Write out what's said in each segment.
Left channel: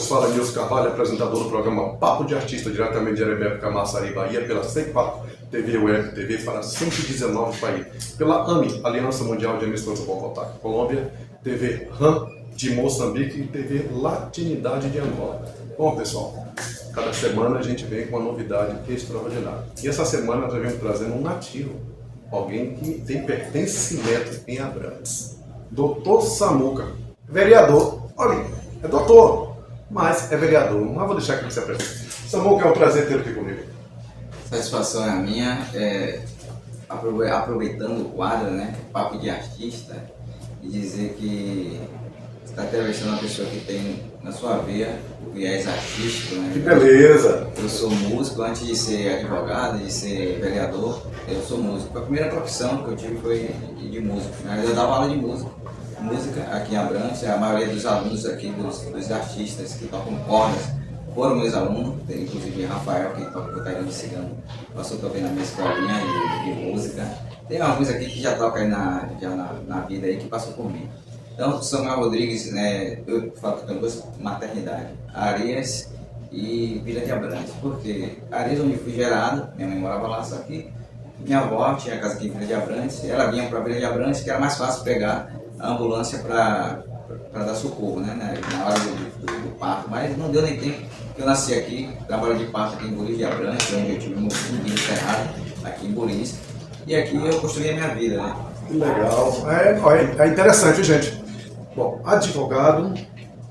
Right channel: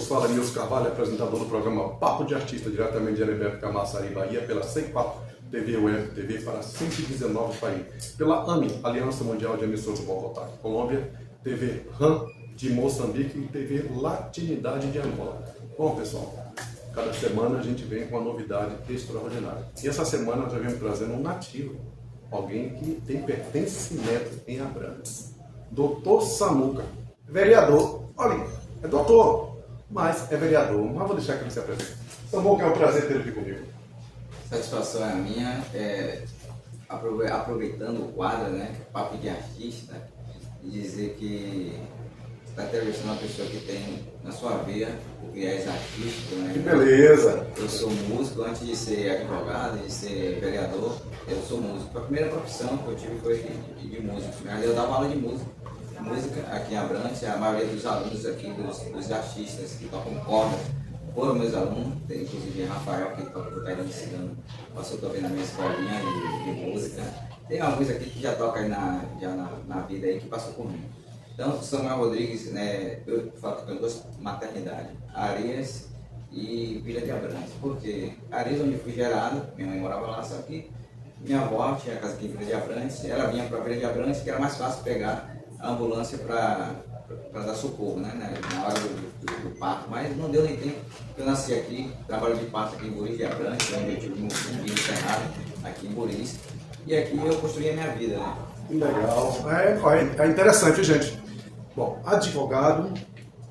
vos fala Nilson Carvalho, apresentador do programa Papo de Artista, diretamente de Arebeco, Camaçari, Bahia, pela C4 TV Web, TV para 119 países, pela AMI, Aliança Mundial de Emissoras Bogotá, Colômbia, TV RAM de Moçambique e TV Latinidade de Angola. Bom, pessoal, cada semana a gente vem com uma novidade extraordinária. E essa semana nós vamos trazendo um nativo, alguém que tem pertencimento em Abrantes. Doutor Samuca, vereador, olha, é doutor, mas é vereador, mas vou deixar que ele se apresente. Samuca, é um prazer ter aqui comigo. Satisfação é a minha, aproveitando o quadro, né, Papo de Artista, e dizer que está entrevistando uma pessoa que tem na sua veia o viés artístico, né? Que beleza! Eu sou músico, antes de ser advogado, de ser vereador, eu sou músico. A primeira profissão que eu tive foi de músico, né? Eu dava aula de música aqui em Abrantes, a maioria dos alunos aqui, dos artistas que tocam cordas, foram meus alunos, tem inclusive Rafael, que toca bateria de cigano, passou também na minha escolinha de música. Tem alguns aqui que já tocam aí na vida aí, que passou por mim. Então, Samuel Rodrigues, né, eu falo que tenho duas maternidades, Areias e Vila de Abrantes. Porque Areias, onde fui gerado, minha mãe morava lá, só que minha avó tinha casa aqui em Vila de Abrantes, ela vinha para Vila de Abrantes, que era mais fácil pegar a ambulância para dar socorro, né, na hora do parto. Mas não deu nem tempo, eu nasci aqui, trabalho de parto aqui em Buriz de Abrantes, onde eu tive meu filho enterrado, aqui em Buriz. E aqui eu construí a minha vida, né? Que legal. É interessante, gente. Bom, advogado,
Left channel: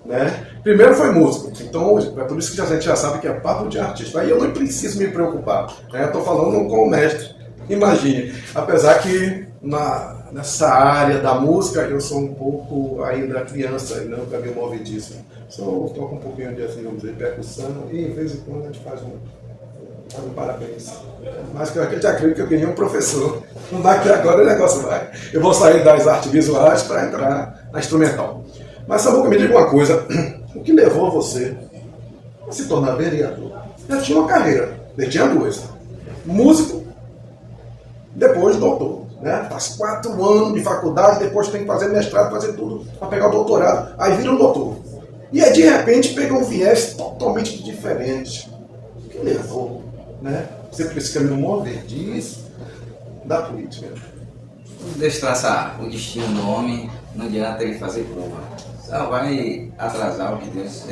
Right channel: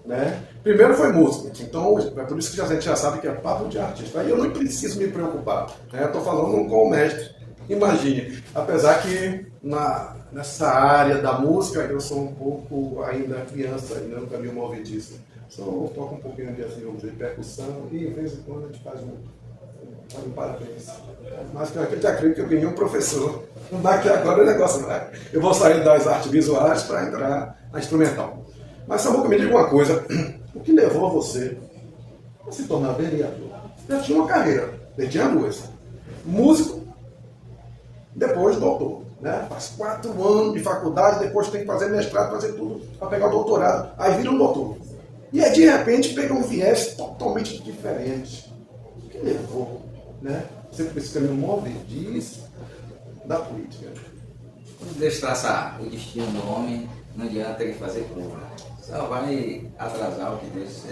né? Primeiro foi músico, então é por isso que a gente já sabe que é papo de artista. Aí eu não preciso me preocupar, né? Eu estou falando com o mestre. Imagine, apesar que nessa área da música eu sou um pouco ainda criança, nunca me movediço. Toco um pouquinho de, assim, vamos dizer, percussão e de vez em quando a gente faz um parabéns. Mas que a gente acredita que eu ganhei um professor. Não vai que agora o negócio vai. Eu vou sair das artes visuais para entrar na instrumental. Mas Samuca, me diga uma coisa. O que levou você a se tornar vereador? Eu tinha uma carreira. Eu tinha duas. Músico, depois doutor. Né? Faz 4 anos de faculdade, depois tem que fazer mestrado, fazer tudo para pegar o doutorado. Aí vira um doutor. E aí de repente pega um viés totalmente diferente. O que levou, né? Você por esse caminho movediço da política? Deus traçar o destino do homem, não adianta ele fazer curva. Só vai atrasar o que Deus,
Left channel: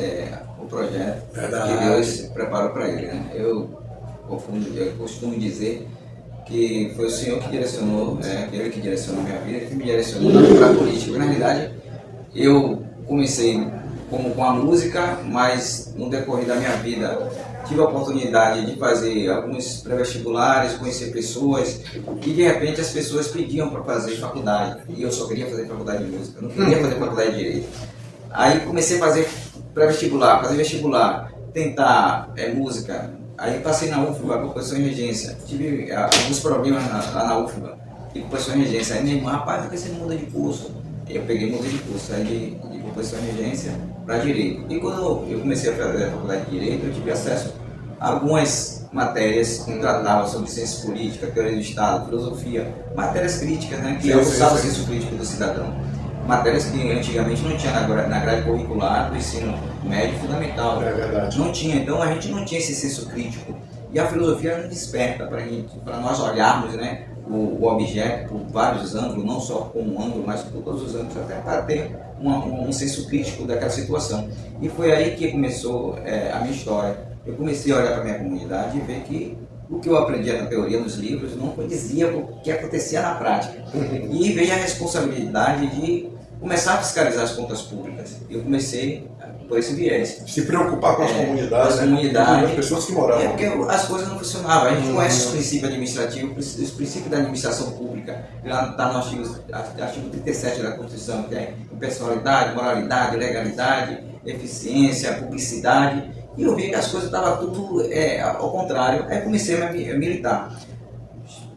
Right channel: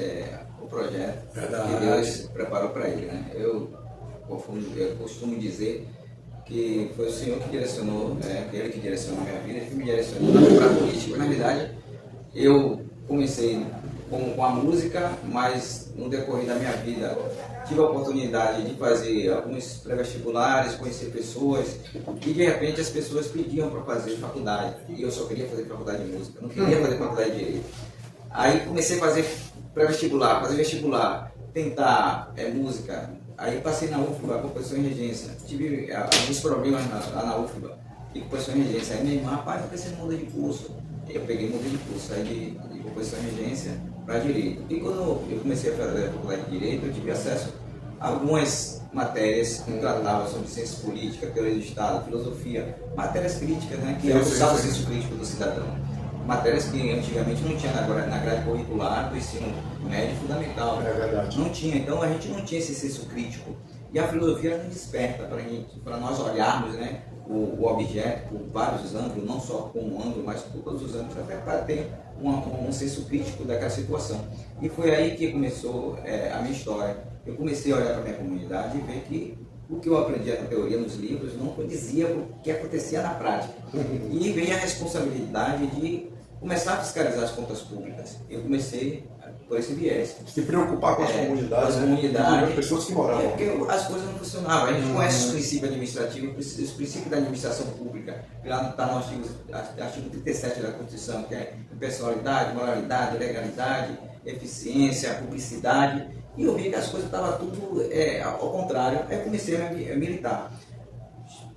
o projeto que Deus preparou para ele, né? Eu costumo dizer que foi o Senhor que direcionou, ele que direcionou minha vida, que me direcionou para a política. Na realidade, eu comecei com a música, mas no decorrer da minha vida tive a oportunidade de fazer alguns pré-vestibulares, conhecer pessoas, e de repente as pessoas pediam para fazer faculdade, e eu só queria fazer faculdade de música, não queria fazer faculdade de Direito. Aí comecei a fazer pré-vestibular, fazer vestibular, tentar música, aí passei na UFBA com professor em regência, tive alguns problemas lá na UFBA, e com professor em regência, aí minha irmã, rapaz, por que você não muda de curso? Eu peguei e mudei de curso, aí de professor em regência para Direito. E quando eu comecei a fazer a faculdade de Direito, eu tive acesso a algumas matérias que tratavam sobre ciência política, teoria do Estado, filosofia, matérias críticas, né, que usavam o senso crítico do cidadão. Matérias que antigamente não tinha na grade curricular do ensino médio fundamental. É verdade. Não tinha, então a gente não tinha esse senso crítico. E a filosofia era desperta para nós olharmos, né, o objeto por vários ângulos, não só com um ângulo, mas por todos os ângulos, até para ter um senso crítico daquela situação. E foi aí que começou a minha história. Eu comecei a olhar para a minha comunidade e ver que o que eu aprendia na teoria, nos livros, não condizia com o que acontecia na prática. E veio a responsabilidade de começar a fiscalizar as contas públicas. Eu comecei por esse viés. Se preocupar com as comunidades, com as pessoas que moravam. Porque as coisas não funcionavam. A gente conhece os princípios administrativos, os princípios da administração pública. Lá está no artigo 37 da Constituição, que é impessoalidade, moralidade, legalidade, eficiência, publicidade. E eu vi que as coisas estavam tudo ao contrário. Aí comecei a militar.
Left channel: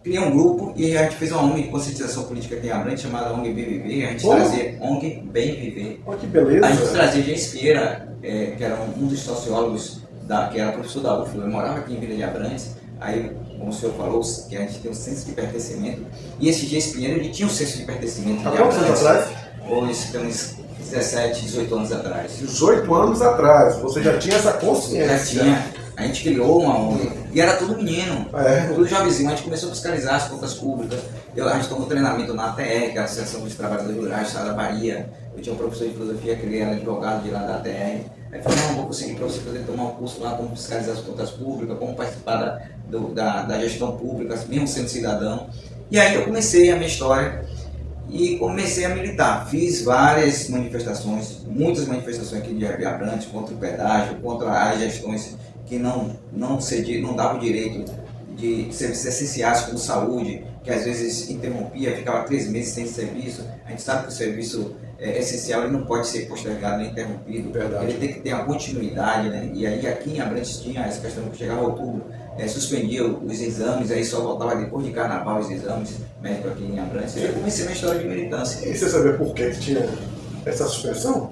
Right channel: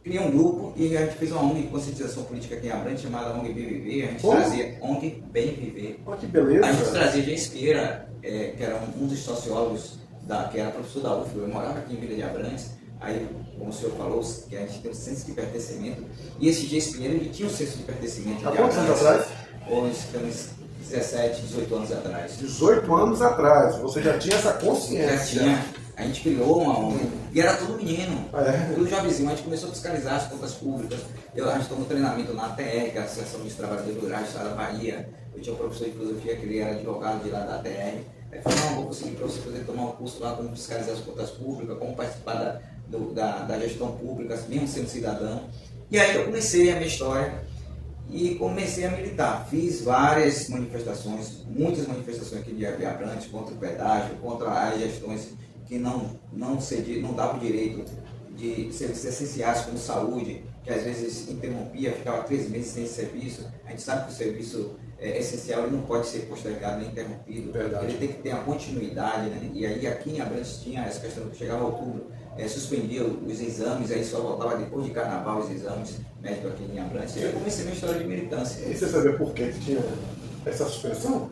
Criei um grupo e a gente fez uma ONG de conscientização política aqui em Abrantes, chamada ONG Bem Viver. A gente trazia ONG Bem Viver. Oh, que beleza! A gente trazia James Pieira, que era um dos sociólogos, que era professor da UFBA, morava aqui em Vila de Abrantes. Aí, como o senhor falou, que a gente tem um senso de pertencimento. E esse James Pieira, ele tinha um senso de pertencimento. Há quantos anos atrás? Hoje, temos 17, 18 anos atrás. 18 anos atrás, você já tinha essa consciência. Já tinha. A gente criou uma ONG e era tudo menino, tudo jovenzinho. A gente começou a fiscalizar as contas públicas. A gente tomou treinamento na ATR, que é a Associação dos Trabalhadores Rurais do Estado da Bahia. Eu tinha um professor de filosofia que ele era advogado de lá da ATR. Aí falou, não, vou conseguir para você poder tomar um curso lá, como fiscalizar as contas públicas, como participar da gestão pública, mesmo sendo cidadão. E aí eu comecei a minha história e comecei a militar. Fiz várias manifestações, muitas manifestações aqui de Abrantes, contra o pedágio, contra as gestões que não davam o direito de serviços essenciais como saúde, que às vezes interrompia, ficava 3 meses sem serviço. A gente sabe que o serviço essencial ele não pode ser postergado nem interrompido. Verdade. Ele tem que ter uma continuidade, né? E aí aqui em Abrantes tinha essa questão que chegava outubro, suspendia os exames, aí só voltava depois de carnaval os exames médicos aqui em Abrantes. E eu comecei a minha história de militância. E você sabia por que tinha essa suspensão?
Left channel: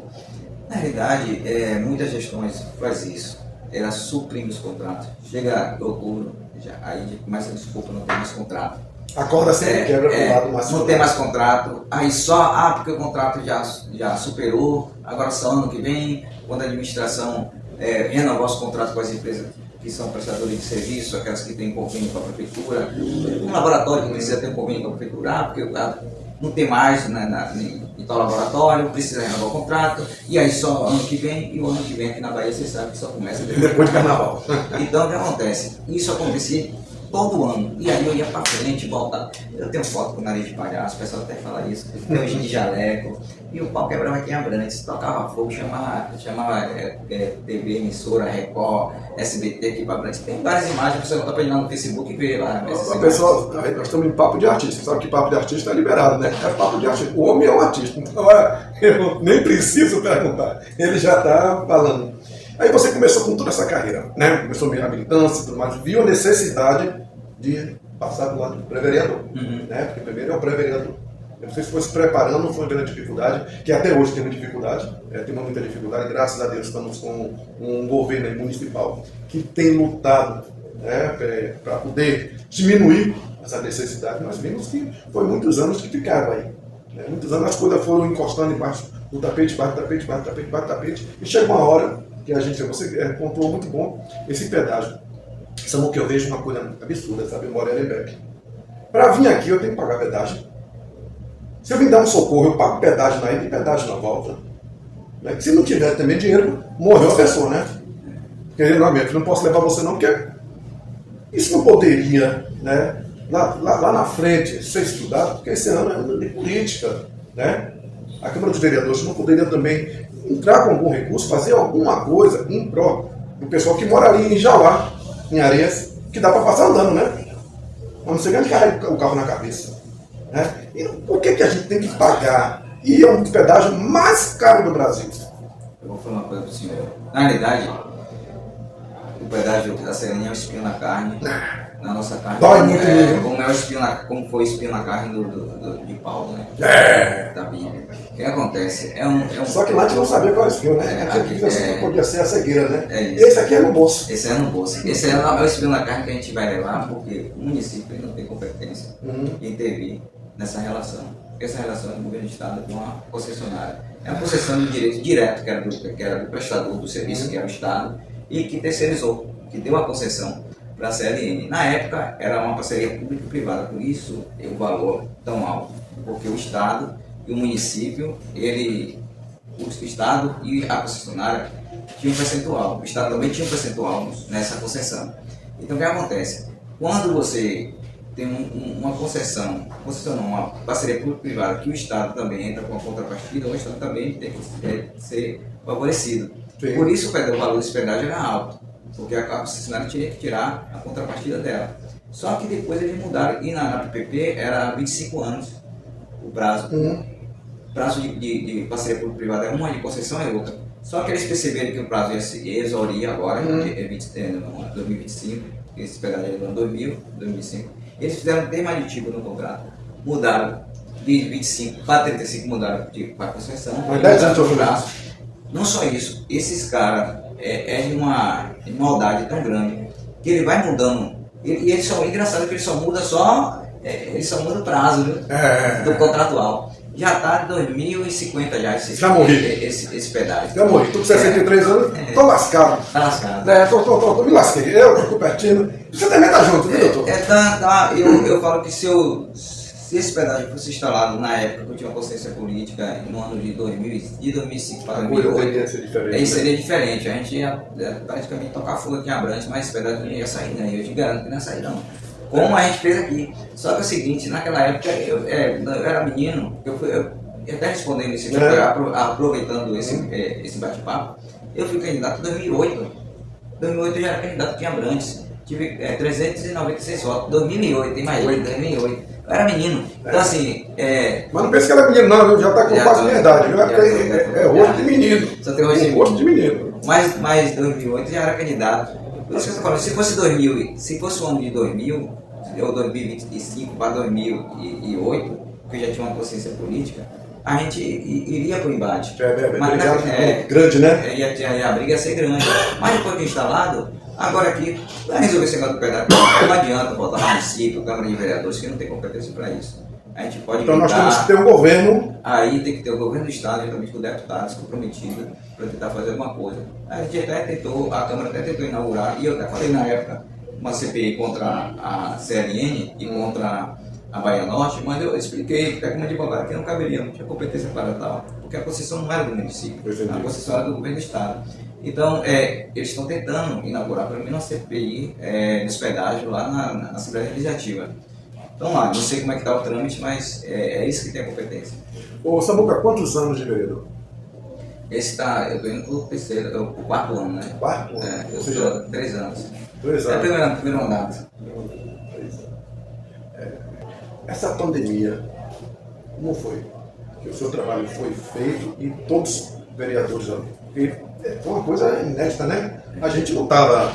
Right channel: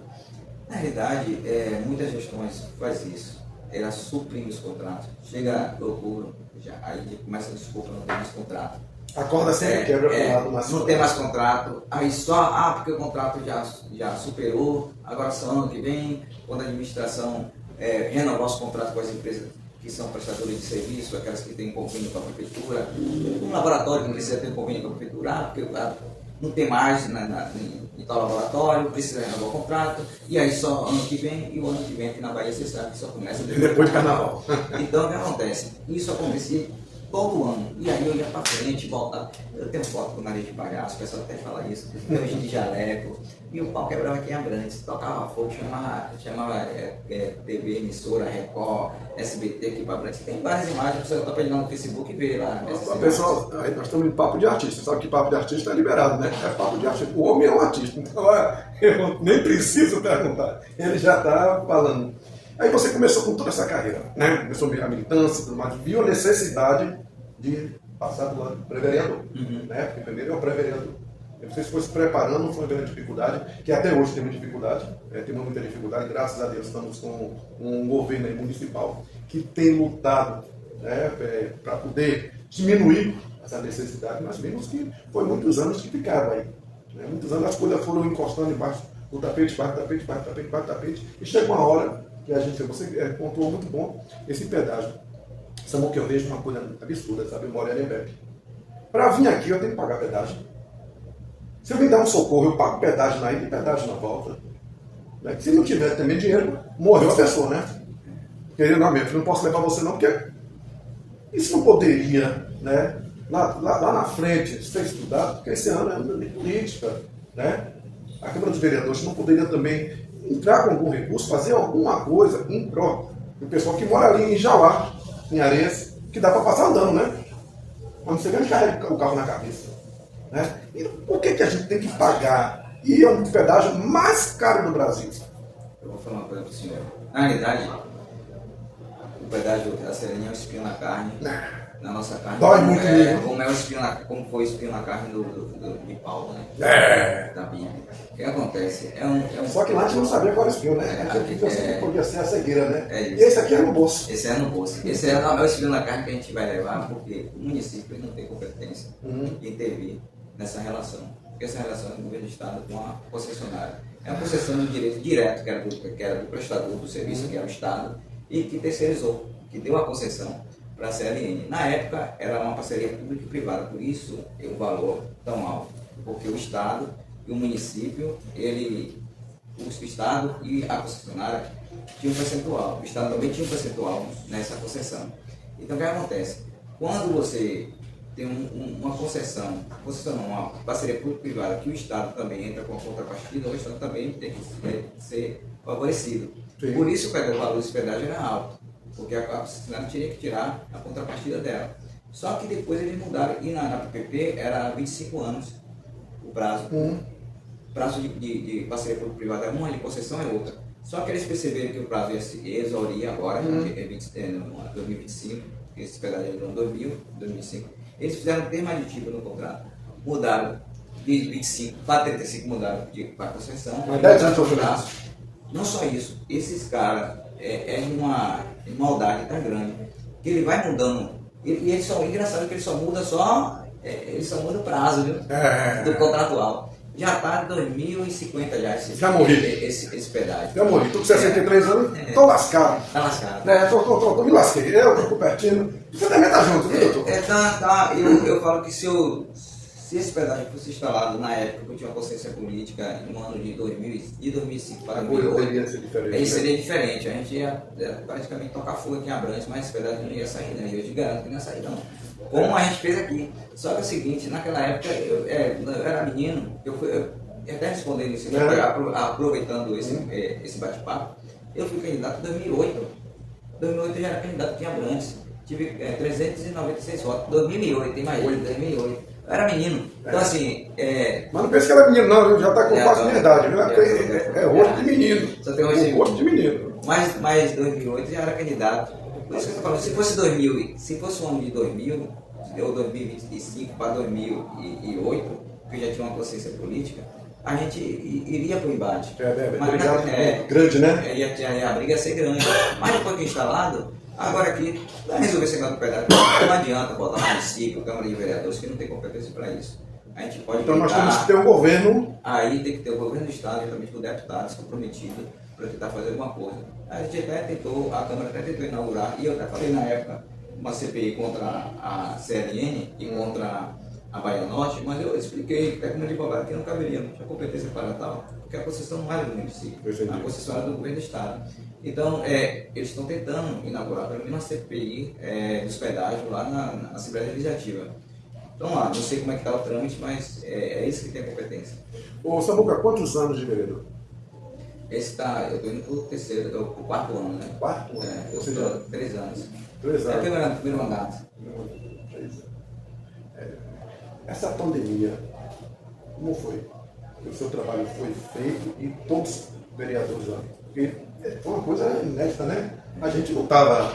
Na realidade, muitas gestões fazem isso. Ela suprime os contratos. Chega outubro, aí começa a desculpa, não tem mais contrato. A corda sempre quebra pro lado mais. Não tem mais contrato, aí só, porque o contrato já superou, agora só ano que vem, quando a administração renovar os contratos com as empresas que são prestadores de serviço, aquelas que têm convênio com a prefeitura, um laboratório que precisa ter convênio com a prefeitura, porque não tem mais em tal laboratório, precisa renovar o contrato, e aí só ano que vem, e o ano que vem aqui na Bahia você sabe que só começa depois de carnaval. Então o que acontece? Isso acontecia todo ano, e aí eu ia pra frente, voltava. Eu tenho foto com o nariz de palhaço, o pessoal até fala isso, tem hoje de jaleco, e o pau quebrava aqui em Abrantes, tocava fogo, chamava TV, emissora, Record, SBT aqui pra Abrantes. Tem várias imagens, você volta pra ir lá no Facebook e ver lá. Pessoal, nós estamos em papo de artista, sabe que papo de artista é liberado, né? É papo de artista, o homem é um artista, então eu nem preciso perguntar, ele já está falando. Aí você começou com toda essa carreira, né? Começou meio na militância e tudo mais, viu a necessidade de passar do lado do pré-vereador, né? Porque primeiro é o pré-vereador. Você foi se preparando, foi uma dificuldade, que até hoje tem uma dificuldade, temos muita dificuldade, graças a Deus estamos com um governo municipal que tem lutado, né, para poder diminuir essa necessidade. Nós vimos que foi muitos anos que ficava aí, né? Muitos anos as coisas foram encostando embaixo do tapete, e chega uma hora que a gente, você pontuou muito bom, esse pedágio. Sabe o que eu vejo? Uma coisa absurda, sabe? Eu moro em Arebeck. Para vir aqui eu tenho que pagar pedágio. Se eu vim dar um socorro, eu pago pedágio na ida e pedágio na volta. Né? Se não tiver também dinheiro, morreu a pessoa, né? Querendo a mente, não posso levar você não, porque isso não poderia, né? Lá na frente ser estudado, porque esse ano é ano de política, né? A Câmara dos Vereadores não poderia também entrar com algum recurso, fazer alguma coisa em prol do pessoal que mora ali em Jauá, em Areias, que dá para passar andando, né? Mas não sei quem carrega o carro na cabeça. Né? E por que a gente tem que pagar? E é um pedágio mais caro do Brasil. Eu vou falar uma coisa para o senhor. Na realidade, o pedágio da Sereninha é o espinho na carne, na nossa carne. Dói muito mesmo. Como foi o espinho na carne de Paulo, né? Da Bíblia. O que acontece? Só que lá a gente não sabia qual é o espinho, né? Aqui podia ser a cegueira, né? Esse aqui é no bolso. Esse é no bolso. Esse é o espinho na carne que a gente vai levar, porque o município não tem competência em intervir nessa relação. Essa relação é do governo do Estado com a concessionária. É uma concessão de direito direto, que era do prestador do serviço, que era o Estado, e que terceirizou, que deu a concessão para a CLN. Na época, era uma parceria público-privada, por isso o valor tão alto, porque o Estado e o município, o Estado e a concessionária tinham um percentual. O Estado também tinha um percentual nessa concessão. Então, o que acontece? Quando você tem uma concessão, uma parceria público-privada, que o Estado também entra com a contrapartida, o Estado também tem que ser favorecido. Sim. Por isso o valor desse pedágio era alto, porque a concessionária tinha que tirar a contrapartida dela. Só que depois eles mudaram, e na PPP era 25 anos o prazo. O prazo de parceria público-privada é uma, de concessão é outra. Só que eles perceberam que o prazo ia exaurir agora, no 2025, esse pedágio é no 2005. Eles fizeram um termo aditivo no contrato, mudaram de 25 para 35, mudaram para a concessão. Não só isso, esses caras é de uma maldade tão grande que ele vai mudando. E engraçado que ele só muda o prazo, viu? Do contratual. Já está em 2050 já Já morri. esse pedágio. Já morri, tô com 63 anos, tô lascado. Tá lascado. Me lasquei. Eu tô pertinho. Você também tá junto, viu, doutor? Eu falo que se esse pedágio fosse instalado na época que eu tinha consciência política, no ano de 2005 para 2008, seria diferente. A gente ia praticamente tocar fogo aqui em Abrantes, mas esse pedágio não ia sair, né? Eu te garanto que não ia sair, não. Como a gente fez aqui. Só que é o seguinte, naquela época eu era menino, eu até respondendo esse aproveitando esse bate-papo, eu fui candidato em 2008. Em 2008 eu já era candidato aqui em Abrantes. Tive 396 votos. 2008, imagina, 2008. Eu era menino. Então assim. Mas não pense que era menino, não, já tá com quase minha idade. É rosto de menino. Só tem rosto de menino. Mas 2008 já era candidato. Por isso que eu estou falando, se fosse o ano de 2000, ou 2025 para 2008, que eu já tinha uma consciência política, a gente iria para o embate. Grande, né? A briga ia ser grande. Mas depois que instalado, agora aqui, para resolver esse negócio do pedágio, não adianta botar um município, Câmara de Vereadores, que não tem competência para isso. A gente pode então nós temos que ter um governo. Aí tem que ter o governo do Estado, juntamente com deputados comprometidos, para tentar fazer alguma coisa. A gente até tentou, a Câmara até tentou inaugurar, e eu até falei na época, uma CPI contra a CLN e contra a Bahia Norte, mas eu expliquei que a Câmara de Advogado que não caberia, não tinha competência para tal, porque a concessão não era do município, a concessão era do governo do Estado. Então, eles estão tentando inaugurar pelo menos uma CPI de hospedagem lá na Assembleia Legislativa. Então lá, não sei como é que está o trâmite, mas é isso que tem a competência. Ô Samuca, quantos anos de vereador? Esse tá, eu estou indo para o quarto ano, né? Quarto ano? Eu estou há 3 anos. 3 anos. É primeiro mandato. Essa pandemia, como foi? Que o seu trabalho foi feito e todos os vereadores, porque foi uma coisa inédita, né? A gente não estava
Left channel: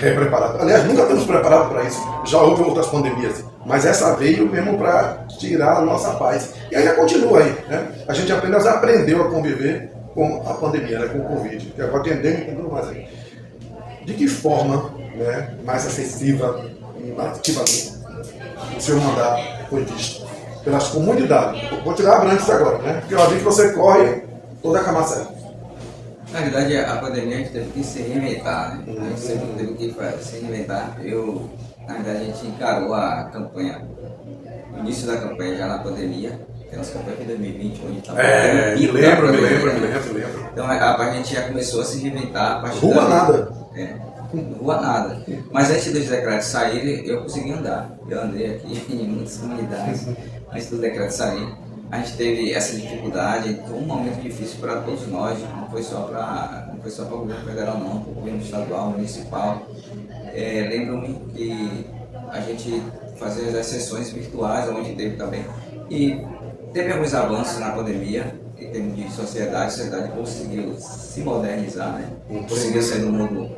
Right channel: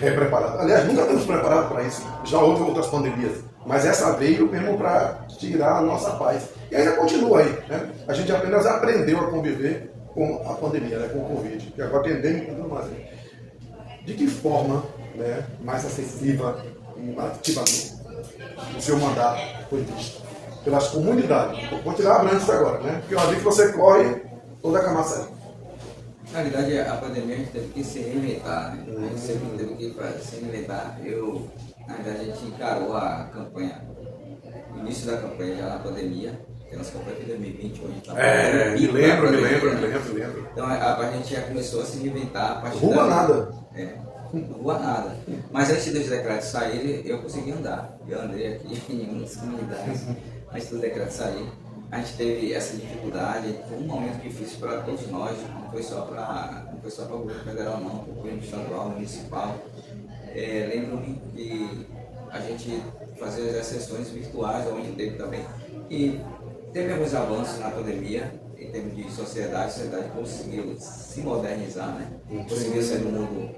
preparado. Aliás, nunca estamos preparados para isso. Já houve outras pandemias. Mas essa veio mesmo para tirar a nossa paz. E ainda continua aí, né? A gente apenas aprendeu a conviver com a pandemia, né? Com o Covid, que agora tem endêmico e tudo mais aí. De que forma, né, mais acessível e ativamente o seu mandato foi visto pelas comunidades? Vou tirar Abrantes agora, né? Porque eu vi que você corre toda a Camaçari. Na verdade, a pandemia a gente teve que se reinventar, né? A gente sempre teve que se reinventar. Na verdade, a gente encarou a campanha, o início da campanha já na pandemia, que a nossa campanha foi em 2020, onde a gente estava me lembro. Então a gente já começou a se reinventar a partir Rua nada. Não rua nada. Mas antes dos decretos saírem, eu consegui andar. Eu andei aqui em muitas comunidades antes do decreto sair. A gente teve essa dificuldade, foi um momento difícil para todos nós, não foi só para o governo federal não, para o governo estadual, municipal. Lembro-me que a gente fazia as sessões virtuais, onde teve também. E teve alguns avanços na pandemia, em termos de sociedade, a sociedade conseguiu se modernizar, né? Conseguiu sair do mundo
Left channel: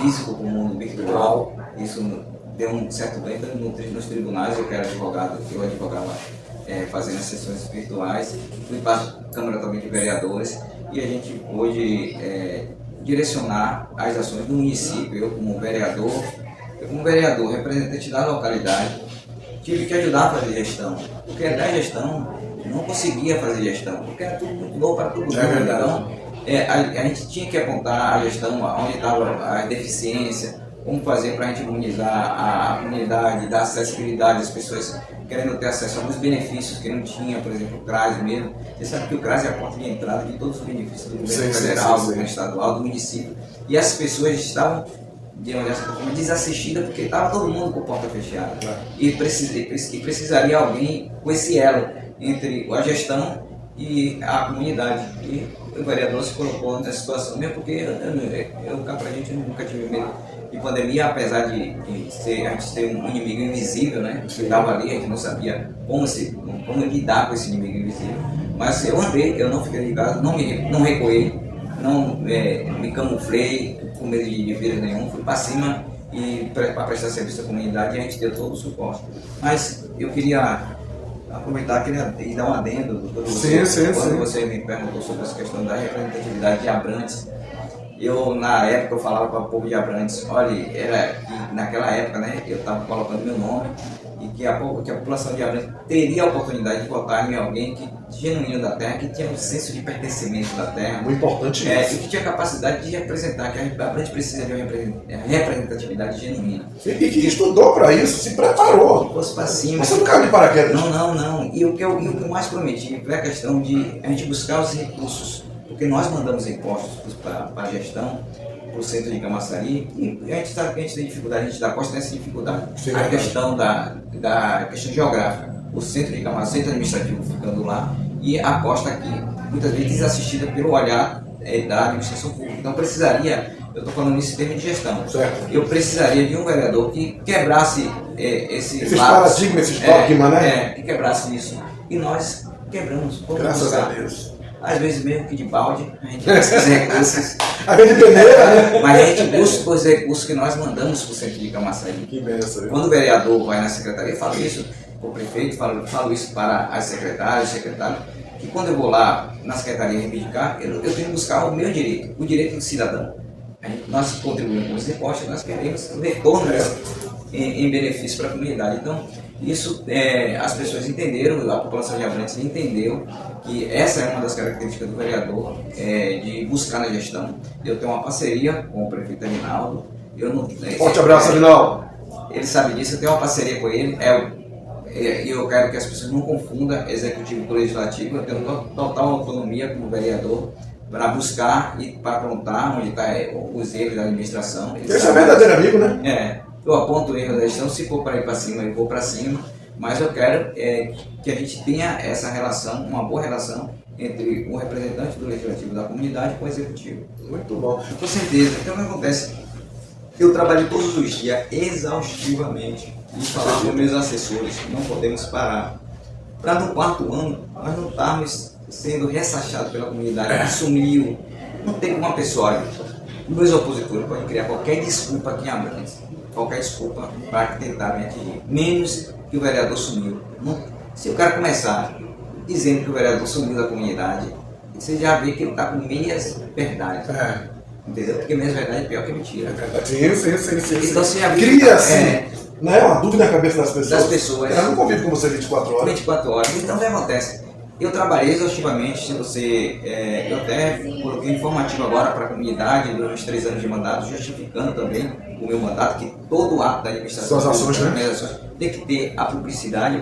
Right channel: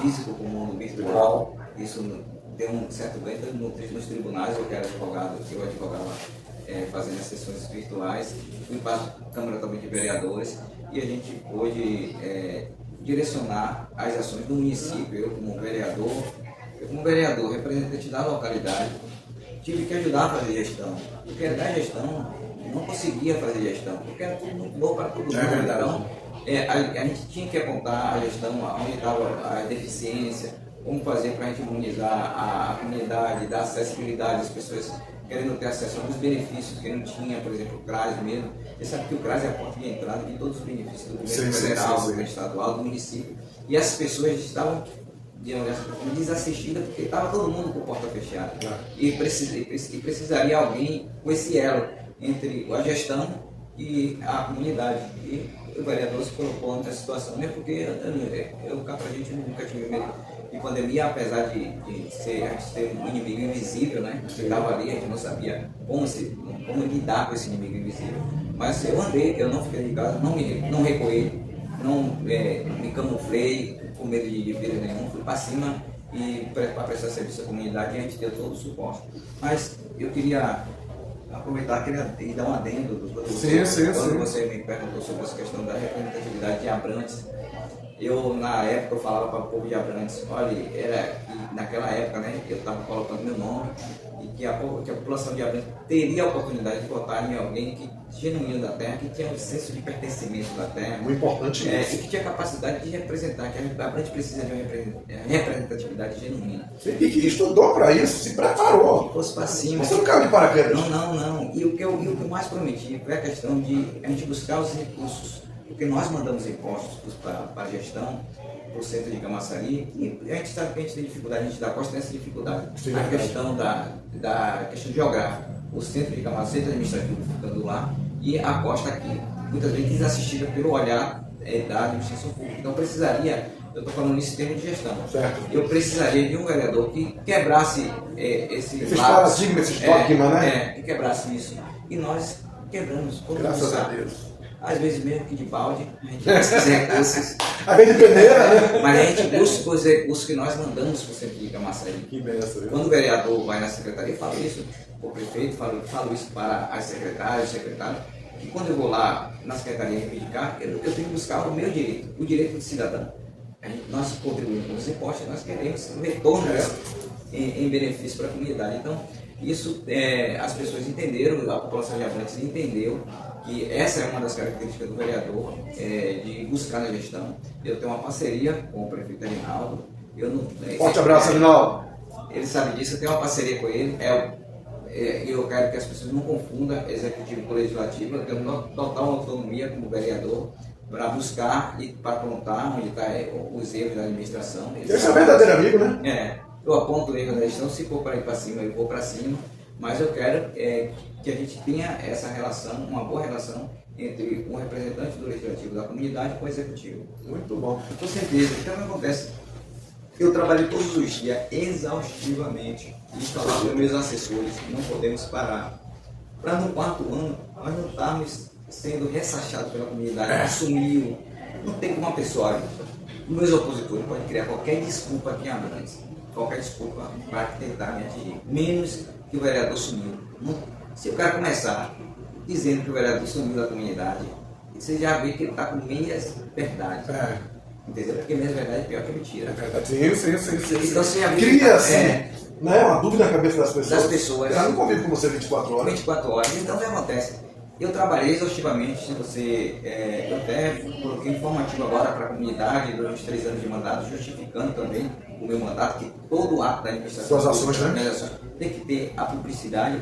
físico para o mundo virtual. Isso deu um certo ganho nos tribunais. Eu que era advogado, eu advogava fazendo as sessões virtuais, fui para a Câmara também de Vereadores e a gente pôde direcionar as ações do município. Eu como vereador, representante da localidade, tive que ajudar a fazer gestão, porque da gestão não conseguia fazer gestão, porque era tudo muito novo para todo mundo. Então, a gente tinha que apontar a gestão, onde estava a deficiência, como fazer para a gente imunizar a comunidade, dar acessibilidade às pessoas querendo ter acesso a alguns benefícios que não tinha, por exemplo, o CRAS mesmo. Você sabe que o CRAS é a porta de entrada de todos os benefícios do governo federal, do governo estadual, do município. E as pessoas estavam, de uma certa forma, desassistidas porque estava todo mundo com a porta fechada. E precisaria alguém com esse elo entre a gestão e a comunidade. E o vereador se colocou nessa situação, mesmo porque a gente nunca tive medo de pandemia, apesar de a gente ter um inimigo invisível, né? Que estava ali, a gente não sabia como lidar com esse inimigo invisível. Mas eu andei, eu não fiquei em casa, não recuei, não me camuflei com medo de vírus nenhum, fui para cima e para prestar serviço à comunidade e a gente deu todo o suporte. Mas eu queria aproveitar aqui e dar um adendo quando você me perguntou sobre essa questão da representatividade de Abrantes. Na época eu falava para o povo de Abrantes, olha, naquela época, né, eu estava colocando meu nome e que a população de Abrantes teria a oportunidade de votar em alguém que genuíno da terra, que tinha um senso de pertencimento da terra. Muito importante E isso. que tinha capacidade de representar, que a Abrantes precisa de uma representatividade genuína. E que estudou para isso, se preparou. Que fosse para cima. Você não caiu de paraquedas. Não. E o que eu mais prometi foi a questão de a gente buscar os recursos, porque nós mandamos impostos para a gestão, para o centro de Camaçari, e a gente sabe que a gente tem dificuldade, a gente da costa tem essa dificuldade. Sim, a questão da questão geográfica, o centro de Camaçari, centro administrativo ficando lá, e a costa aqui, muitas vezes desassistida pelo olhar da administração pública. Então precisaria, eu estou falando isso em termos de gestão, certo. Eu precisaria de um vereador que quebrasse esses paradigmas, esses dogmas, né? Que quebrasse isso. E nós quebramos. Graças a Deus. Às vezes mesmo que de balde, a gente busca os recursos. A gente peneira, né? Mas a gente busca os recursos que nós mandamos para o centro de Camaçari. Que benção. Quando o vereador vai na secretaria, eu falo isso para o prefeito, falo isso para as secretárias, secretários, que quando eu vou lá na secretaria reivindicar, eu tenho que buscar o meu direito, o direito do cidadão. Nós contribuímos com os impostos, nós queremos o retorno em benefício para a comunidade. Então, isso as pessoas entenderam, a população de Abrantes entendeu que essa é uma das características do vereador, de buscar na gestão. Eu tenho uma parceria com o prefeito Aguinaldo. Forte abraço, Aguinaldo. Ele sabe disso, eu tenho uma parceria com ele. E eu quero que as pessoas não confundam executivo com legislativo. Eu tenho total autonomia como vereador para buscar e para apontar onde estão os erros da administração. Esse é verdadeiro amigo, né? Eu aponto o erro da gestão, se for para ir para cima, eu vou para cima, mas eu quero que a gente tenha essa relação, uma boa relação entre o representante do legislativo da comunidade com o executivo. Muito bom. Com certeza. Então o que acontece? Eu trabalho todos os dias exaustivamente e falar com meus assessores, não podemos parar. Para no quarto ano nós não estarmos sendo ressachados pela comunidade, que sumiu. Não tem uma pessoa. Os meus opositores podem criar qualquer desculpa aqui em Abrantes, qualquer desculpa para tentar me atingir, menos que o vereador sumiu. Se o cara começar dizendo que o vereador sumiu da comunidade, você já vê que ele está com meias verdades. Entendeu? Porque meias verdade é pior que mentira. Sim. Então você já vê cria assim, uma dúvida na cabeça das pessoas. Eu não convivo com você 24 horas. 24 horas. Então o que acontece? Eu trabalhei exaustivamente, eu até coloquei informativo agora para a comunidade durante os 3 anos de mandato, justificando também o meu mandato, que todo ato da administração Suas ações, tem que ter a publicidade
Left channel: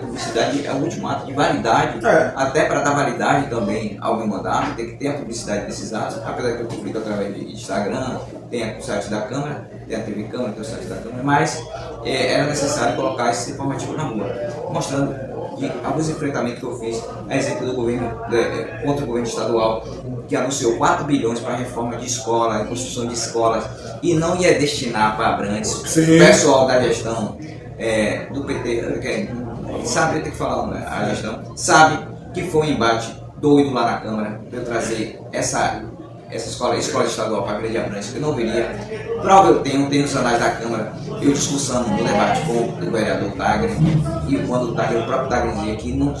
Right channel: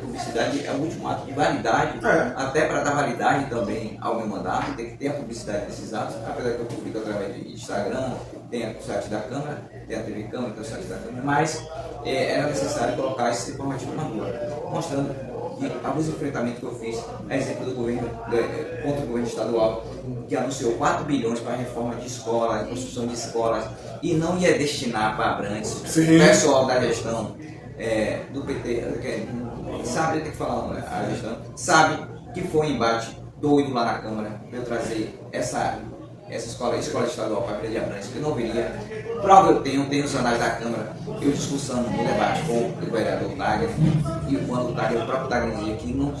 é o último ato de validade, até para dar validade também ao meu mandato, tem que ter a publicidade desses atos, apesar que eu publico através de Instagram, tem o site da Câmara, tem a TV Câmara, tem o site da Câmara, mas era necessário colocar esse informativo na rua, mostrando que alguns enfrentamentos que eu fiz, a exemplo do governo, contra o governo estadual, que anunciou 4 bilhões para a reforma de escolas, construção de escolas, e não ia destinar para Abrantes. O pessoal da gestão do PT, sabe, tem que falar, né? A gestão sabe que foi um embate doido lá na Câmara, de eu trazer essa escola estadual para a Grande Abrantes, que não viria. Prova eu tenho os anais da Câmara, eu discussando no debate com o vereador Tagner, e quando o próprio Tagner dizia que não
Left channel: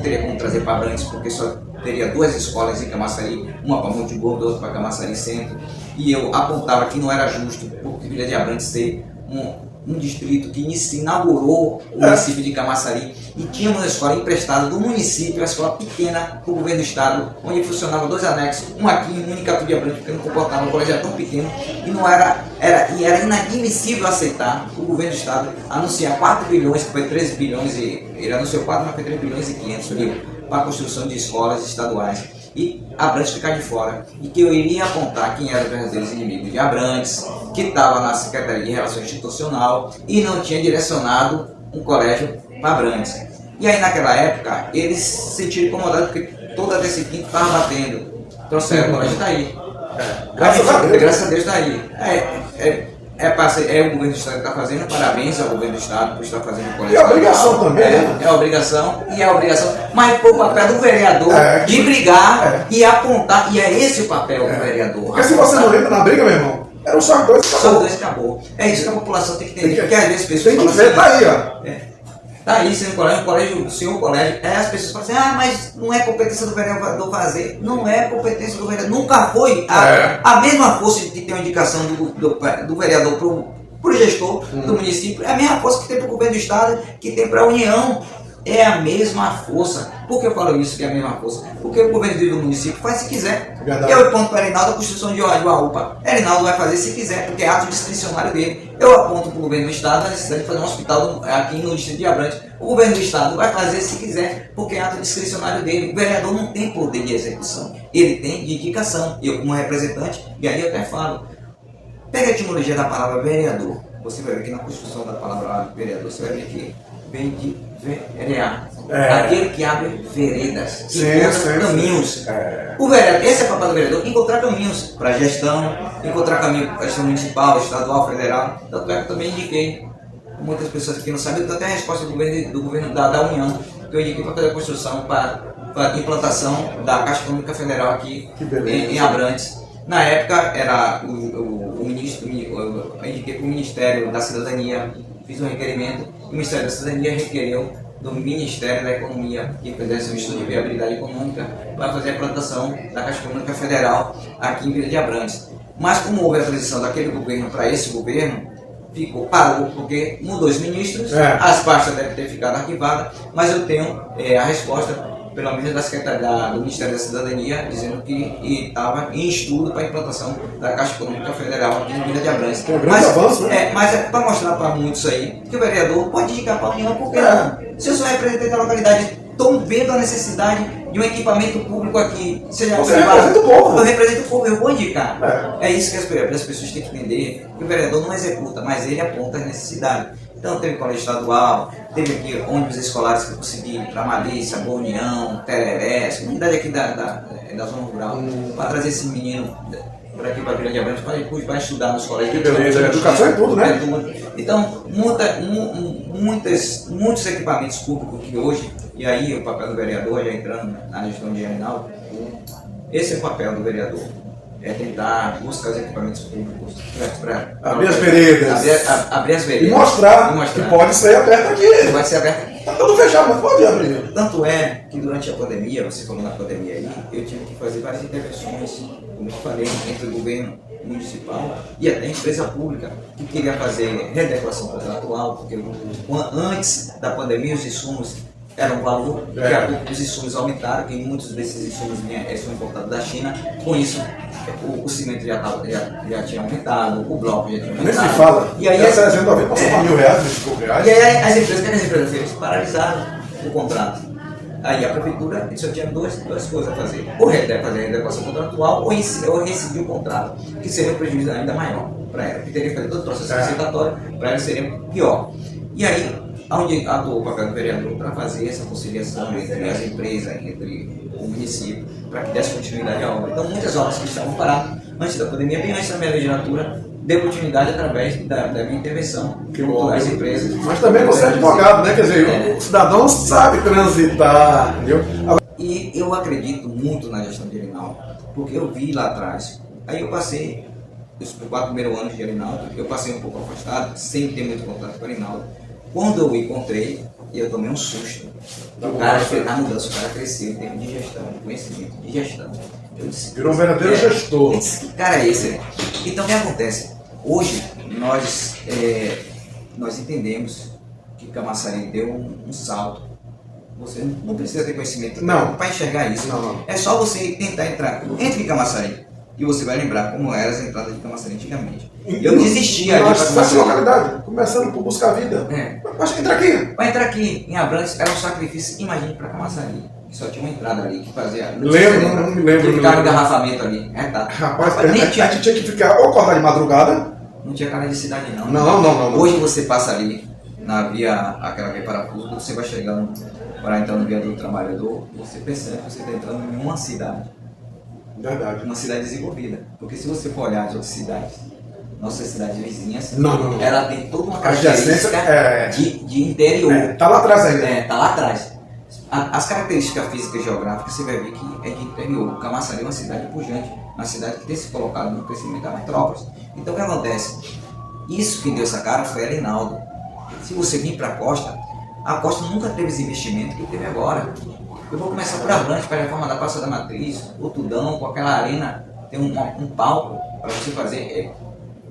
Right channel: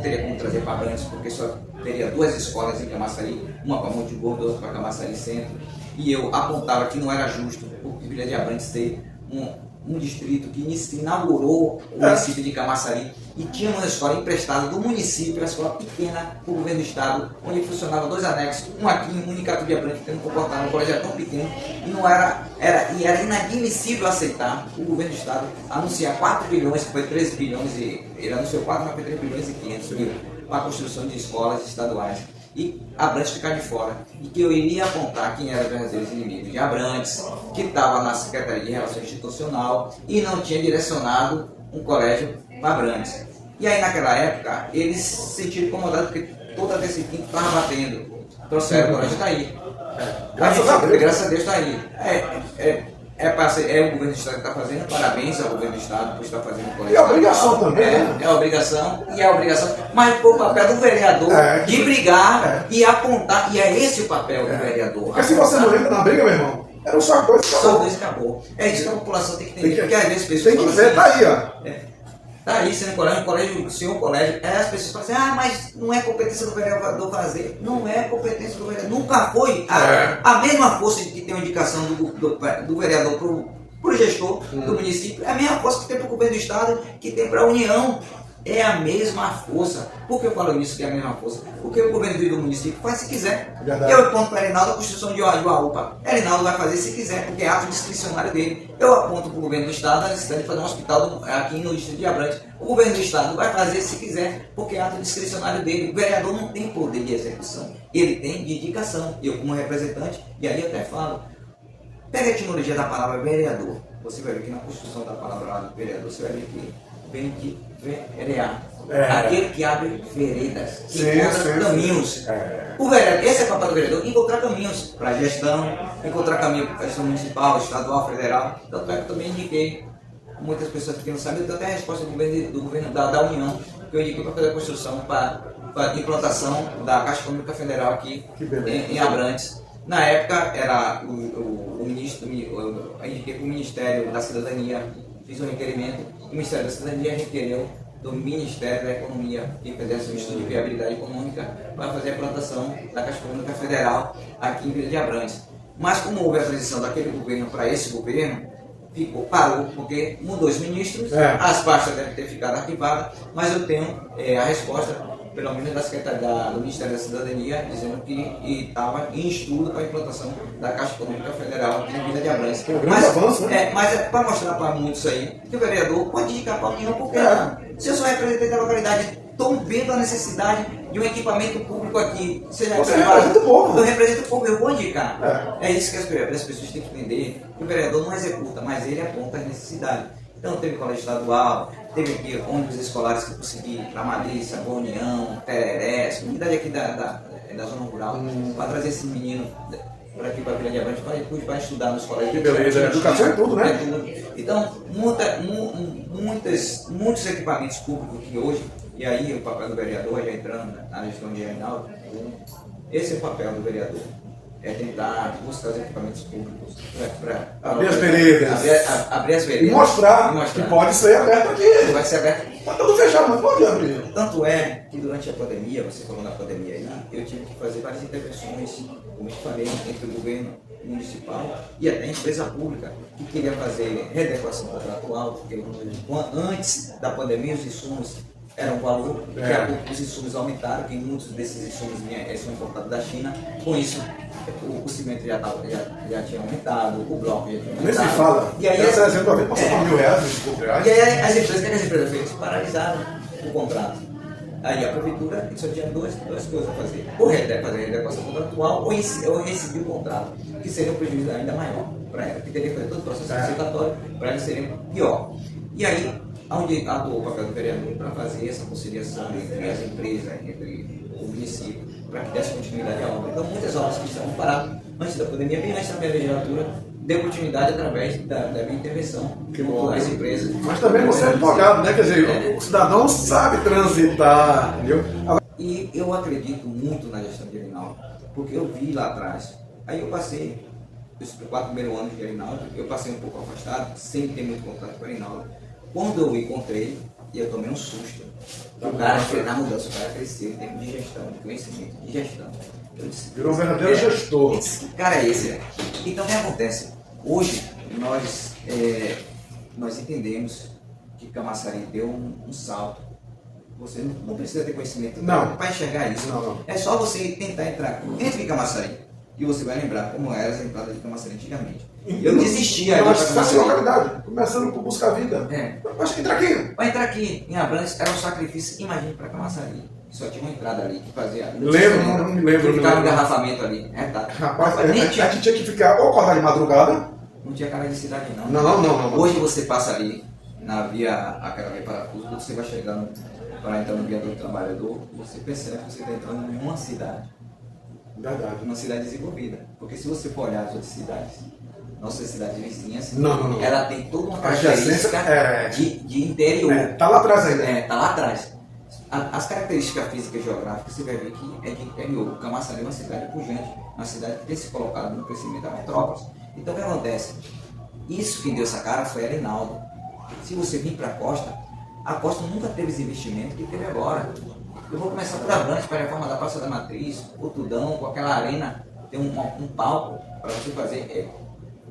teria como trazer para Abrantes, porque só teria 2 escolas em Camaçari, uma para Monte Gordo, outra para Camaçari Centro, e eu apontava que não era justo, porque Vila de Abrantes ser um distrito que inaugurou o município de Camaçari e tinha uma escola emprestada do município, uma escola pequena para o governo do estado, onde funcionavam 2 anexos, um aqui e um em Icatu de Abrantes, porque não comportava um colégio tão pequeno, e era inadmissível aceitar o governo do estado anunciar 4 bilhões, que foi 13 bilhões, ele anunciou 4, mas foi 3 bilhões e 500 mil para a construção de escolas estaduais. E Abrantes ficar de fora, e que eu iria apontar quem eram os verdadeiros inimigos de Abrantes, que estava na Secretaria de Relações Institucional e não tinha direcionado um colégio para Abrantes. E aí naquela época eles se sentiram incomodados porque toda a DC Quinto estava batendo, trouxeram o colégio está aí. Graças a Deus está aí. É o governo do estado que está fazendo, parabéns ao governo do estado por estar fazendo o colégio. E a obrigação também. É a obrigação, mas foi o papel do vereador de brigar e apontar, e é esse o papel do vereador. Porque se você não entra na briga, meu irmão, era o só 2 acabou. Só 2 acabou. É isso que a população tem que entender, porque às vezes as pessoas tem que ver, tá aí, ó. Tá aí, sendo colégio, senhor colégio, as pessoas falam assim, mas não é competência do vereador fazer. Não é competência do vereador, nunca foi. A mesma força de ter uma indicação do vereador pro gestor do município, é a mesma força que tem pro governo do estado, que tem pra União. é a mesma força. Por que eu falo isso que é a mesma força? Porque o governo do município faz se quiser. Verdade. Eu aponto para Erinaldo a construção de uma UPA. Erinaldo vai fazer se quiser, porque é ato discricionário dele. Eu aponto para o governo do estado a necessidade de fazer um hospital aqui no distrito de Abrantes. O governo do estado vai fazer se quiser, porque é ato discricionário dele. O vereador não tem poder de execução, ele tem de indicação. Eu, como representante, e aí eu até falo, pega a etimologia da palavra vereador. Você vai ver que na construção da palavra vereador, você vai ver que vem de verear. Aquele que abre veredas, que encontra caminhos. O vereador, esse é o papel do vereador, encontrar caminhos para a gestão, encontrar caminho para a gestão municipal, estadual, federal. Tanto é que eu também indiquei, muitas pessoas aqui não sabem, eu tenho até a resposta do governo da União, que eu indiquei para fazer a construção, para a implantação da Caixa Econômica Federal aqui em Abrantes. Na época era o ministro, eu indiquei para o Ministério da Cidadania, fiz um requerimento, o Ministério da Cidadania requereu do Ministério da Economia que fizesse um estudo de viabilidade econômica para fazer a implantação da Caixa Econômica Federal aqui em Vila de Abrantes. Mas como houve a transição daquele governo para esse governo, parou, porque mudou os ministros, as pastas devem ter ficado arquivadas, mas eu tenho a resposta, pelo menos da Secretaria do Ministério da Cidadania, dizendo que estava em estudo para a implantação da Caixa Econômica Federal aqui em Vila de Abrantes. Mas é para mostrar para muitos aí que o vereador pode indicar para a União, porque se eu sou representante da localidade, estou vendo a necessidade de um equipamento público aqui, seja privado, eu represento o povo, eu vou indicar. É isso que as pessoas têm que entender, que o vereador não executa, mas ele aponta as necessidades. Então teve colégio estadual, teve aqui ônibus escolares que eu consegui para Malícia, Boa União, Tereré, comunidade aqui da zona rural, para trazer esse menino para aqui para Vila de Abrantes, para estudar nos colégios. Que beleza, educação é tudo, né? Então, muitos equipamentos públicos que hoje, e aí o papel do vereador, já entrando na gestão de Erinaldo, esse é o papel do vereador. É tentar buscar os equipamentos públicos para abrir as veredas. Abrir as veredas. E mostrar que pode ser aberto aqui. Pode ser aberto. Está tudo fechado, mas pode abrir. Tanto é que durante a pandemia, você falou na pandemia aí, eu tive que fazer várias intervenções, como eu falei, entre o governo municipal e até a empresa pública, que queria fazer readequação contratual, porque antes da pandemia os insumos era um valor, daqui a pouco os insumos aumentaram, que muitos desses insumos são importados da China. Com isso, o cimento já tinha aumentado, o bloco já tinha aumentado. Nem se fala. E aí, essa eventualmente passou para R$1.000, e aí as empresas fez? Paralisaram o contrato. Aí a prefeitura só tinha duas coisas a fazer. Ou fazer a readequação contratual ou rescindir o contrato, que seria um prejuízo ainda maior para ela, que teria que fazer todo o processo licitatório, para ela seria pior. E aí, onde atuou o papel do vereador para fazer essa conciliação entre as empresas, entre o município, para que desse continuidade à obra. Então, muitas obras que estavam paradas antes da pandemia, bem antes da minha legislatura, deu continuidade através da minha intervenção junto às empresas. Mas também você é advogado, né? Quer dizer, o cidadão sabe transitar, entendeu? E eu acredito muito na gestão de Erinaldo, porque eu vi lá atrás. Aí eu passei, os 4 primeiros anos de Erinaldo, eu passei um pouco afastado, sem ter muito contato com Erinaldo. Quando eu o encontrei, eu tomei um susto. O cara fez a mudança, o cara cresceu em termos de gestão, de conhecimento, de gestão. Eu disse, virou um verdadeiro gestor. Que cara é esse? Então o que acontece? Hoje nós entendemos que Camaçari deu um salto. Você não precisa ter conhecimento para enxergar isso. Não. É só você tentar entrar. Entre em Camaçari e você vai lembrar como eram as entradas de Camaçari antigamente. Eu desistia ali para Camaçari. Localidade, começando por buscar vida. Mas entra aqui. Para entrar aqui em Abrantes era um sacrifício, imagine, para Camaçari. Só tinha uma entrada ali que fazia. Não me lembro. Que ficava engarrafamento ali. Rapaz, a gente tinha que ficar ou acordar de madrugada. Não tinha cara de cidade, não. Não. Hoje você passa ali na via, aquela via parafuso, quando você vai chegando para entrar no viaduto do trabalhador, você percebe que você está entrando em uma cidade. Verdade. Uma cidade desenvolvida. Porque se você for olhar as outras cidades, nossas cidades vizinhas, não. ela tem toda uma característica de interior. Tá lá atrás ainda. Tá lá atrás. As características físicas e geográficas, você vai ver que é de interior. Camaçari é uma cidade pujante, uma cidade que tem se colocado no crescimento da metrópole. Então o que acontece? Isso que deu essa cara foi Erinaldo. Se você vir para a Costa nunca teve esse investimento que teve agora. Eu vou começar por Abrantes, para a reforma da Praça da Matriz, o Tudão, com aquela arena, tem um palco para você fazer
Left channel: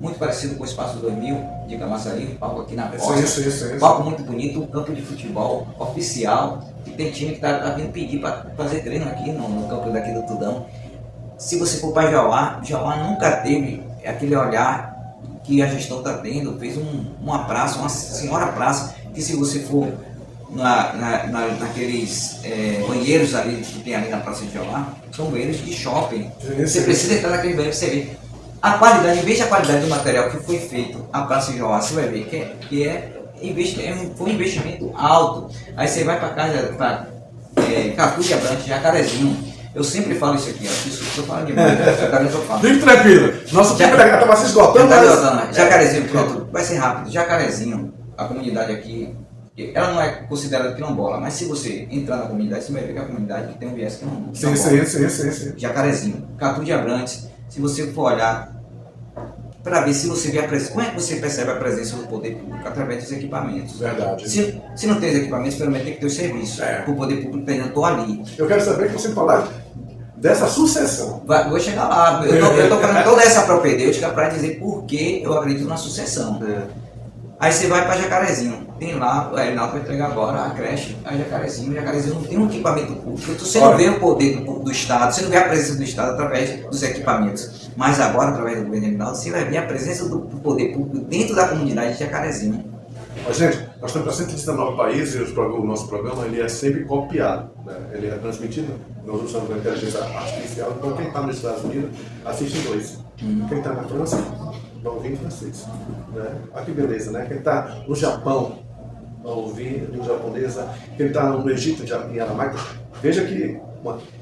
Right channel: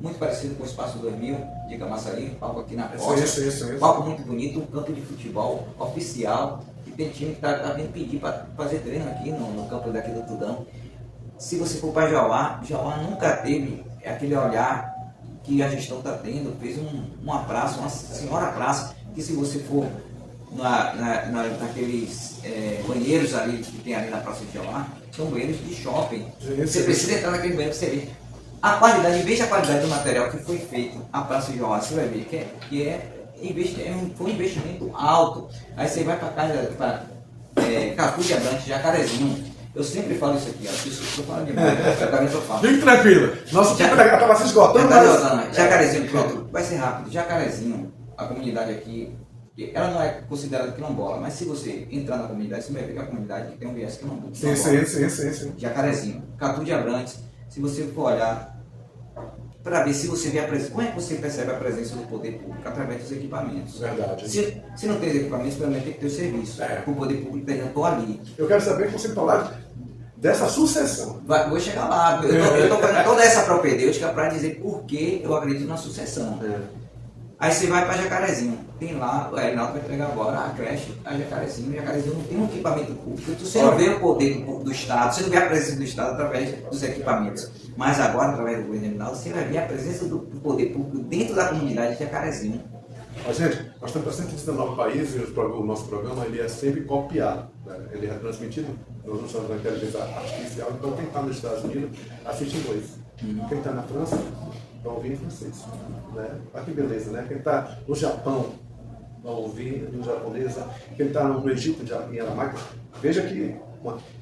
muito parecido com o Espaço 2000 de Camaçari, palco aqui na costa, Isso. palco muito bonito, um campo de futebol oficial, que tem time que tá vindo pedir para fazer treino aqui no campo daqui do Tudão. Se você for para Jauá nunca teve aquele olhar que a gestão está tendo, fez uma praça, uma senhora praça, que se você for naqueles banheiros ali que tem ali na Praça de Jauá, são banheiros de shopping. Você precisa entrar naquele banheiro para você ver a qualidade, veja a qualidade do material que foi feito a Praça de Jauá, você vai ver foi um investimento alto. Aí você vai para casa, para Catu de Abrantes, Jacarezinho. Eu sempre falo isso aqui, isso estou falando demais, Fique tranquilo, nosso tempo estava se esgotando. Jacarezinho, pronto, vai ser rápido. Jacarezinho, a comunidade aqui, ela não é considerada quilombola, mas se você entrar na comunidade, você vai ver que a comunidade tem um viés quilombola. Sim. Jacarezinho, Catu de Abrantes, se você for olhar para ver se você vê a presença, como é que você percebe a presença do poder público? Através dos equipamentos. Verdade. Se não tem os equipamentos, primeiro tem que ter o serviço. O poder público está dizendo, estou ali. Eu quero saber que você falar dessa sucessão. Vou chegar lá. Eu estou falando toda essa propedêutica para dizer por que eu acredito na sucessão. Aí você vai para Jacarezinho, tem lá, o Reinaldo vai entregar agora a creche a Jacarezinho. O Jacarezinho não tem um equipamento público, você não vê o poder do Estado, você não vê a presença do Estado através dos equipamentos. Mas agora, através do governo Reinaldo, você vai ver a presença do poder público dentro da comunidade de Jacarezinho. Gente, nós estamos para 119 países e o nosso programa ele é sempre copiado. Né? Ele é transmitido, nós usamos a inteligência artificial, então quem está nos Estados Unidos assiste em inglês. Quem está na França vai ouvir em francês. Né? Olha que beleza, né? Quem está no Japão vai ouvir em japonês. Quem está no Egito, em aramaico, veja que...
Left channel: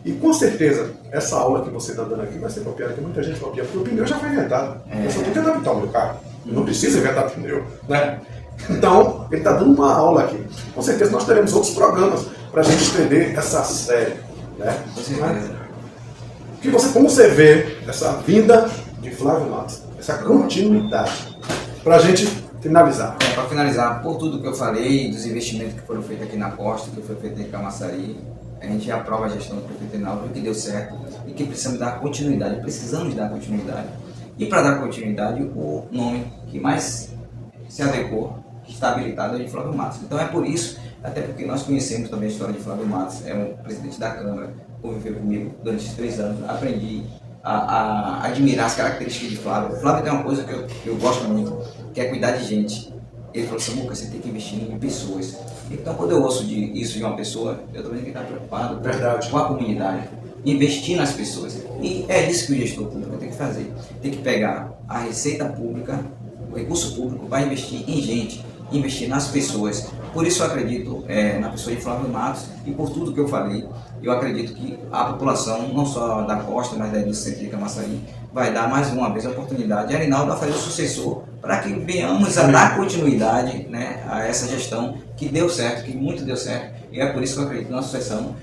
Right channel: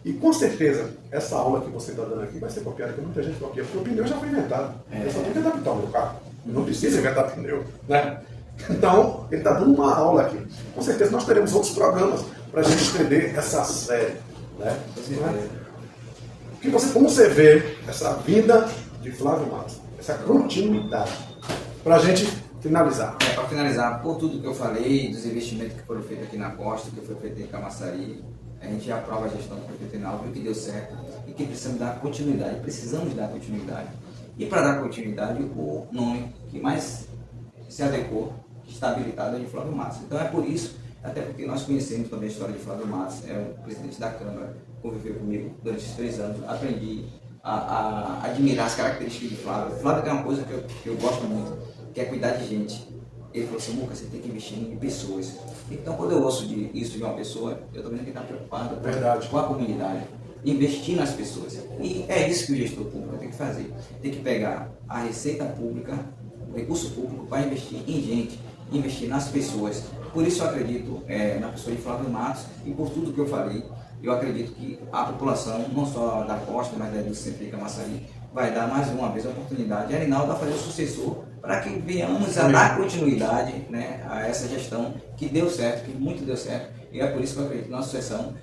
E com certeza, essa aula que você está dando aqui vai ser copiada, porque muita gente copia, porque o pneu já foi inventado. Eu só tenho que adaptar o meu carro. Não precisa inventar pneu. Né? Então, ele está dando uma aula aqui. Com certeza nós teremos outros programas para a gente estender essa série. Né? Como você vê essa vinda de Flávio Matos, essa continuidade, para a gente finalizar. Para finalizar, por tudo que eu falei, dos investimentos que foram feitos aqui na costa, que foi feito em Camaçari, a gente aprova a gestão do prefeito Reinaldo, viu que deu certo e que precisamos dar continuidade, E para dar continuidade, o nome que mais se adequou, está habilitado, é de Flávio Matos. Então é por isso, até porque nós conhecemos também a história de Flávio Matos, é um presidente da Câmara, conviveu comigo durante esses 3 anos, aprendi a admirar as características de Flávio. Flávio tem uma coisa que eu gosto muito, que é cuidar de gente. Ele falou assim, Muca, você tem que investir em pessoas. Então, quando eu ouço isso de uma pessoa, eu também tenho que estar preocupado com a comunidade, investir nas pessoas. E é isso que o gestor público tem que fazer. Tem que pegar a receita pública, o recurso público, para investir em gente, investir nas pessoas. Por isso eu acredito na pessoa de Flávio Matos e por tudo que eu falei, eu acredito que a população, não só da costa, mas da indústria de Camaçari, vai dar mais uma vez a oportunidade a Reinaldo a fazer o sucessor, para que venhamos a dar continuidade, né, a essa gestão que deu certo, que muito deu certo, e é por isso que eu acredito na sucessão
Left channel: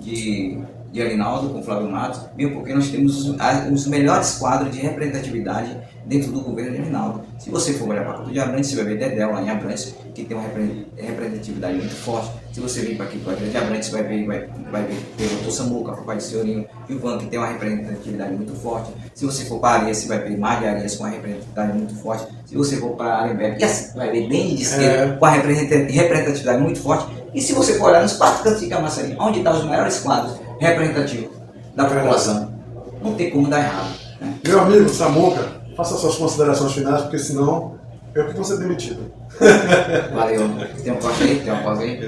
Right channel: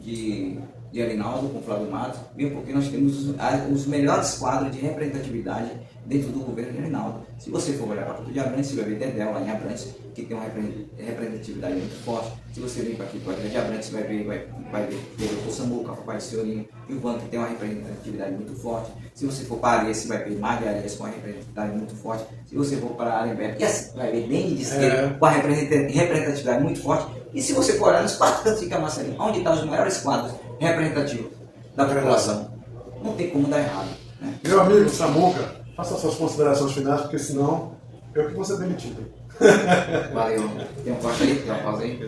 de Reinaldo com Flávio Matos, mesmo porque nós temos os melhores quadros de representatividade dentro do governo de Reinaldo. Se você for olhar para Catu de Abrantes, você vai ver Dedéu lá em Abrantes, que tem uma representatividade muito forte. Se você vir para aqui para a de Abrantes, você vai ver o Dr. Samuca, o pai do Senhorinho, e o Van, que tem uma representatividade muito forte. Se você for para Arias, você vai ver Mar de Arias com uma representatividade muito forte. Se você for para Alemberg, e assim, vai ver bem de esquerda com a representatividade muito forte. E se você for olhar nos 4 cantos de Camaçari, onde estão os maiores quadros representativos da população, não tem como dar errado. Né? Meu amigo Samuca, faça suas considerações finais, porque senão eu que vou ser demitido. Valeu. Tem um corte aí? Tem uma pausa aí?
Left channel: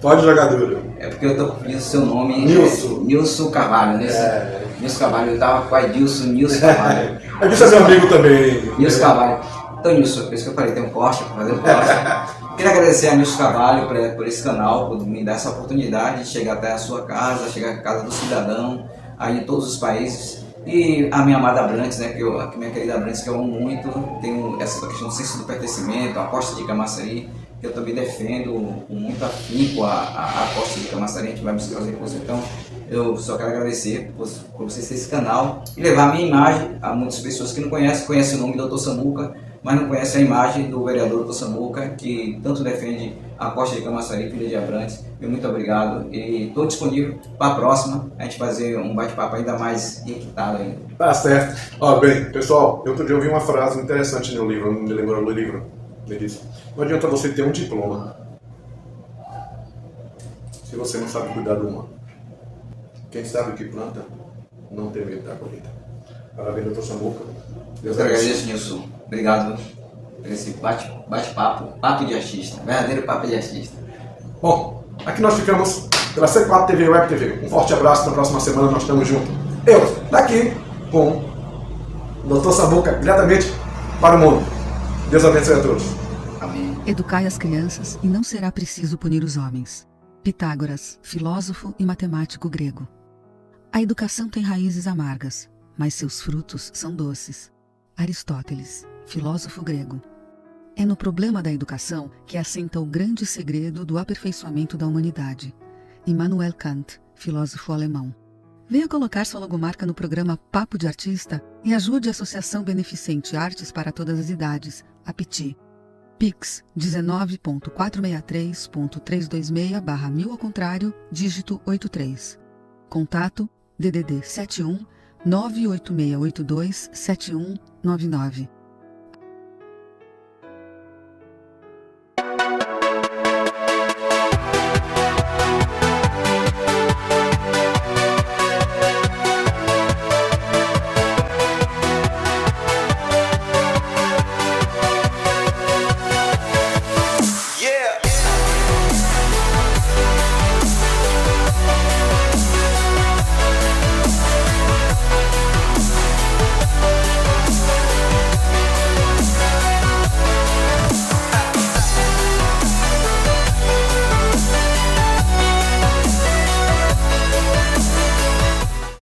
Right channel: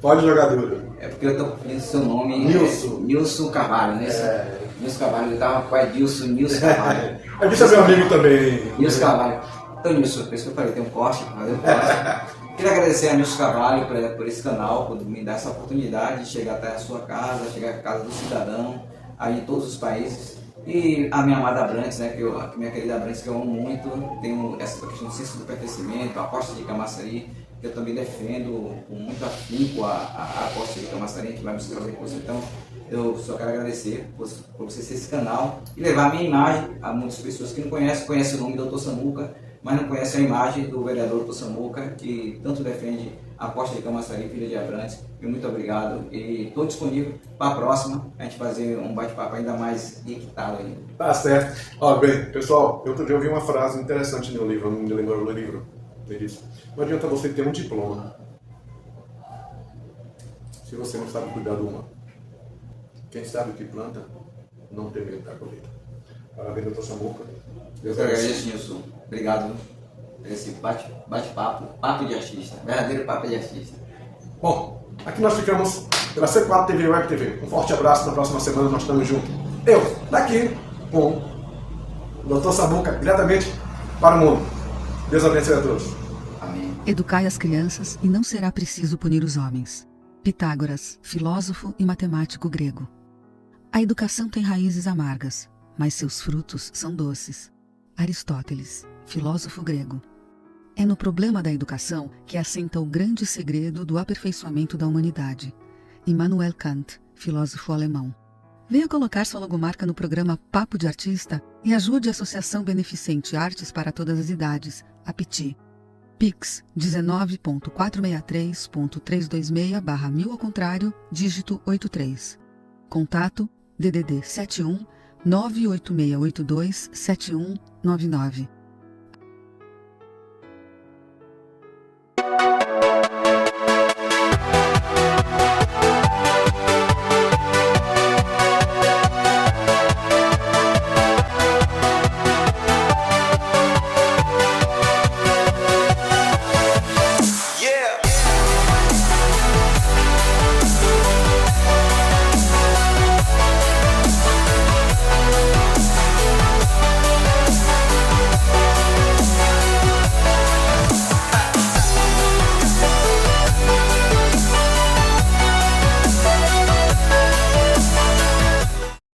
Pode jogar duro. É porque eu tô confundindo o seu nome. Nilson Carvalho, né? Nilson Carvalho, eu tava com a Nilson Carvalho. Você é meu amigo também. Nilson Carvalho. Então, Nilson, por isso que eu falei, tem um corte para fazer um corte. Queria agradecer a Nilson Carvalho por esse canal, por me dar essa oportunidade de chegar até a sua casa, chegar à casa do cidadão, aí em todos os países. E a minha amada Abrantes, né, a minha querida Abrantes, que eu amo muito, tenho essa questão do senso do pertencimento, a costa de Camaçari, que eu também defendo com muito afinco a costa de Camaçari, a gente vai buscar os recursos. Então, eu só quero agradecer por vocês ter esse canal e levar a minha imagem a muitas pessoas que não conhecem o nome do Dr. Samuca, mas não conhecem a imagem do vereador Dr. Samuca, que tanto defende Aposta de Camaçari, Filha de Abrantes. E muito obrigado. E estou disponível para a próxima, a gente fazer um bate-papo ainda mais equitado ainda. Tá certo. Ó, bem, pessoal, outro dia eu vi uma frase interessante no livro, não me lembro do livro. Ele disse: não adianta você ter um diploma se você não sabe cuidar do humano. Quem sabe o que planta, não tem medo da colheita. Parabéns, doutor Samuca. Eu que agradeço, Nilson. Obrigado por esse bate-papo, papo de artista, verdadeiro papo de artista. Bom, aqui nós ficamos pela C4 TV Web TV. Um forte abraço, na próxima semana nós estamos juntos. Eu, daqui, com o doutor Samuca, diretamente para o mundo. Deus abençoe a todos. Amém. Educai as crianças e não será preciso punir os homens. Pitágoras, filósofo e matemático grego. A educação tem raízes amargas, mas seus frutos são doces. Aristóteles, filósofo grego. É no problema da educação que assenta o grande segredo do aperfeiçoamento da humanidade. Immanuel Kant, filósofo alemão. Venha colocar sua logomarca no programa Papo de Artista e ajude a Associação Beneficente Artes para Todas as Idades, APTI. Pix 19.463.326/1000 ao contrário, dígito 83. Contato DDD 71 98682 7199.